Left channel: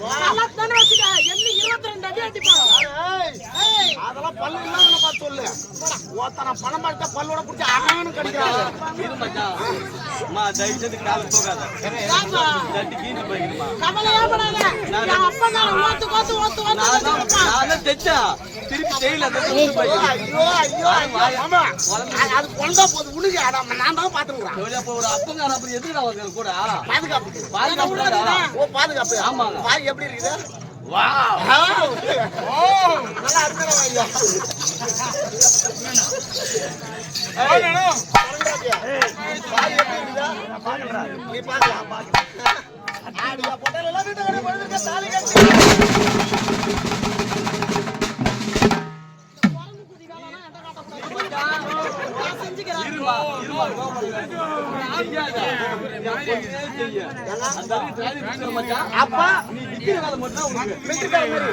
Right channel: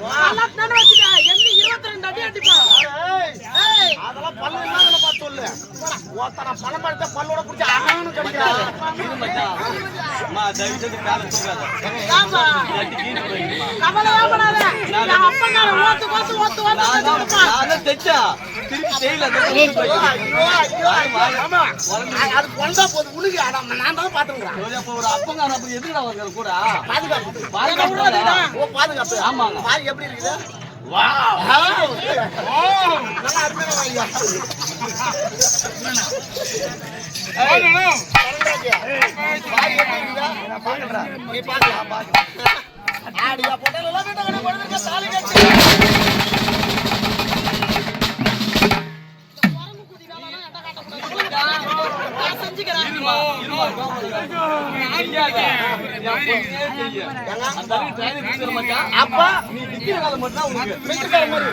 தானே வச்சுக்க என்ன 22 அடி அடிப்பான். அதெல்லாம் பல்லு இல்லாத பார்த்து சொல்லு. ஒருத்தனை பணம் படுத்த பல்லோட பிடிச்சி அண்ணான்னு கிடைக்கிறாங்க. இது மச்சான் அம்மா தயவு செய்து காலை தூக்காத. தட்டி கீழே போயிடுமா. கவலையே படாத. என் அப்பா நான் நான் தைச்சா திருப்பி செய்யல. அது கொண்டா போது உனக்கு நான் தான் பாத்துக்கிறேன். ஒரு அப்பங்கார அப்படி எதுக்குடா வருகிற கூட பாதுகாப்பு பாதுகாப்பு. ஓ பாதுகாப்பு. ஆமாங்க. பாரு எப்படி இருக்குது. வாவ் நல்லா அருமையா ஐயா. நீ பாக்கலாம் ஆடியா போட்டல எல்லாம் வீட்டு கட்டி போடுறீங்க தாலி கட்டி. அப்பா நீ நிக்கிற வேலை மட்டும் உனக்கு மிலிட்டரிக்கார மாதிரி.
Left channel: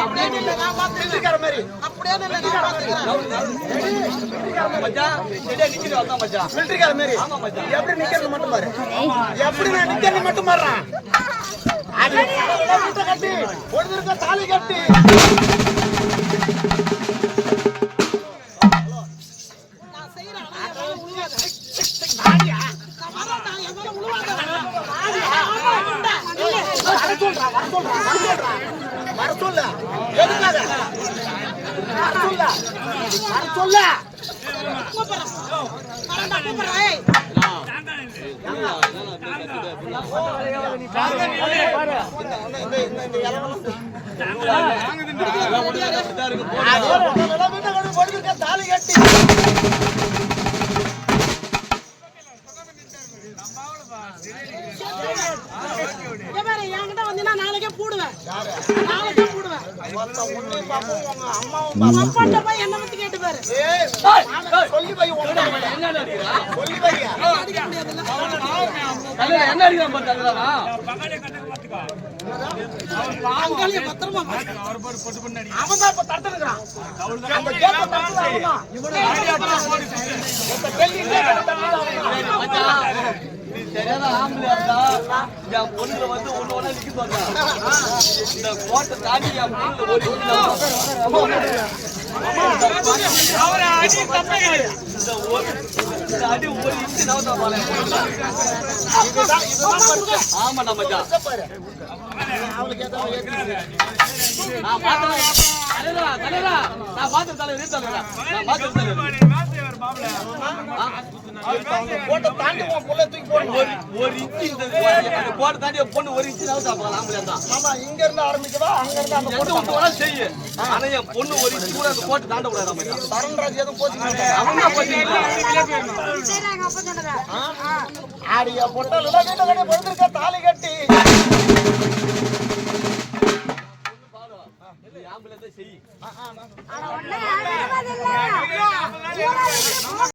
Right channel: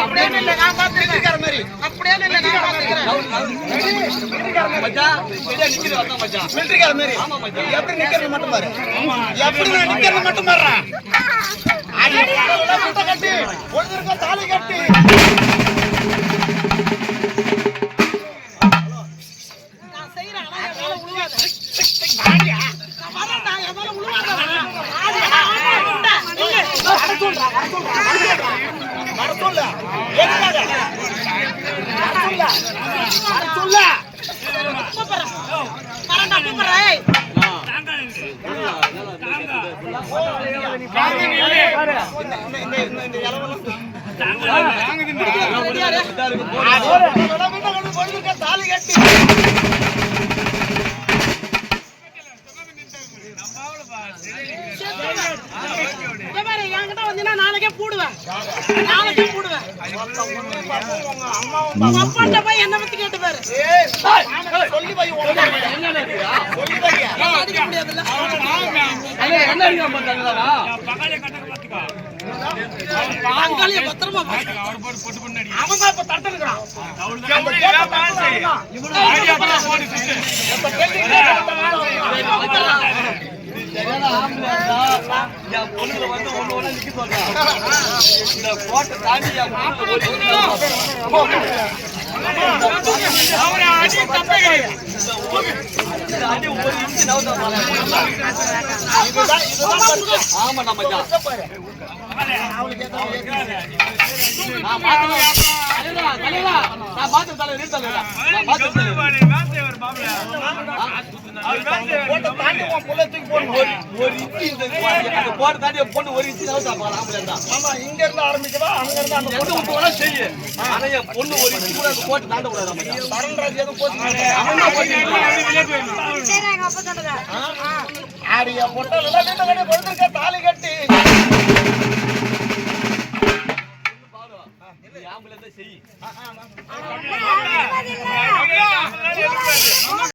அப்படியே இல்ல நான் பாத்து மிலிட்டரிக்கார மாதிரி. அப்படியே இல்ல நான் பாத்துக்கிறேன். மச்சான் சரியா நிக்கிற அக்கா மச்சான் மிலிட்டரிக்கார மாதிரி. ஆமா மச்சான். எப்படி நிக்கிறது மட்டும் பாரு. எப்படி நான் நிக்கிறது மட்டும் பாருறேன். ஆடியா போட்டல வீட்டை கட்டி ஒருத்தருக்கு தாலி கட்டி. நான் செய்றேன் அதனால உழுவாத. ஆடியா நான் எதனால உழுவாத. ஆடியா வர சொல்லு. எதுக்காக? வர சொல்லு. கூப்பிடுறேன். வரண்டா கூப்பிடுறேன். இந்த இலவெல்லாம் தாலி கட்டி என்கிட்ட வந்தீங்கன்னா நாளைக்கே போடுவேன். நாளைக்கே போடுவேன். அப்பாட்ட போய் என்ன பத்தி கேட்டு பாரு. சொல்லி வை. சொல்லி வை. அடிக்க முடியாதுல்ல. என்ன அடிக்க மாட்டாங்களா அங்காளிய பத்திரமா அவன் தான் இப்ப தட்டுறான். என் பொண்ணுல வந்து ஒண்ணு ஒண்ணு நிக்க சொல்றான். இந்த கோட்டை தாண்டி என் பொண்ணுல அடி ஒரு இன்ச்சு நவுத்தா பாரு. ஆமா நம்ம பொண்ணு ஒரு இன்ச்சு நவுத்தா பாக்கலாம். இங்க இருந்து ஆரம்பிக்கவா அங்க இருந்து அந்த பொண்ணு செய்ய. ஆனா என் பொண்ணு ஒரு இன்ச்சு கூட அந்த கோட்டை தாண்ட கூடாது. தரன்ராஜ் எதுவும் போச்சு ஆடியா போட்டா தாலி கட்டி செய்ய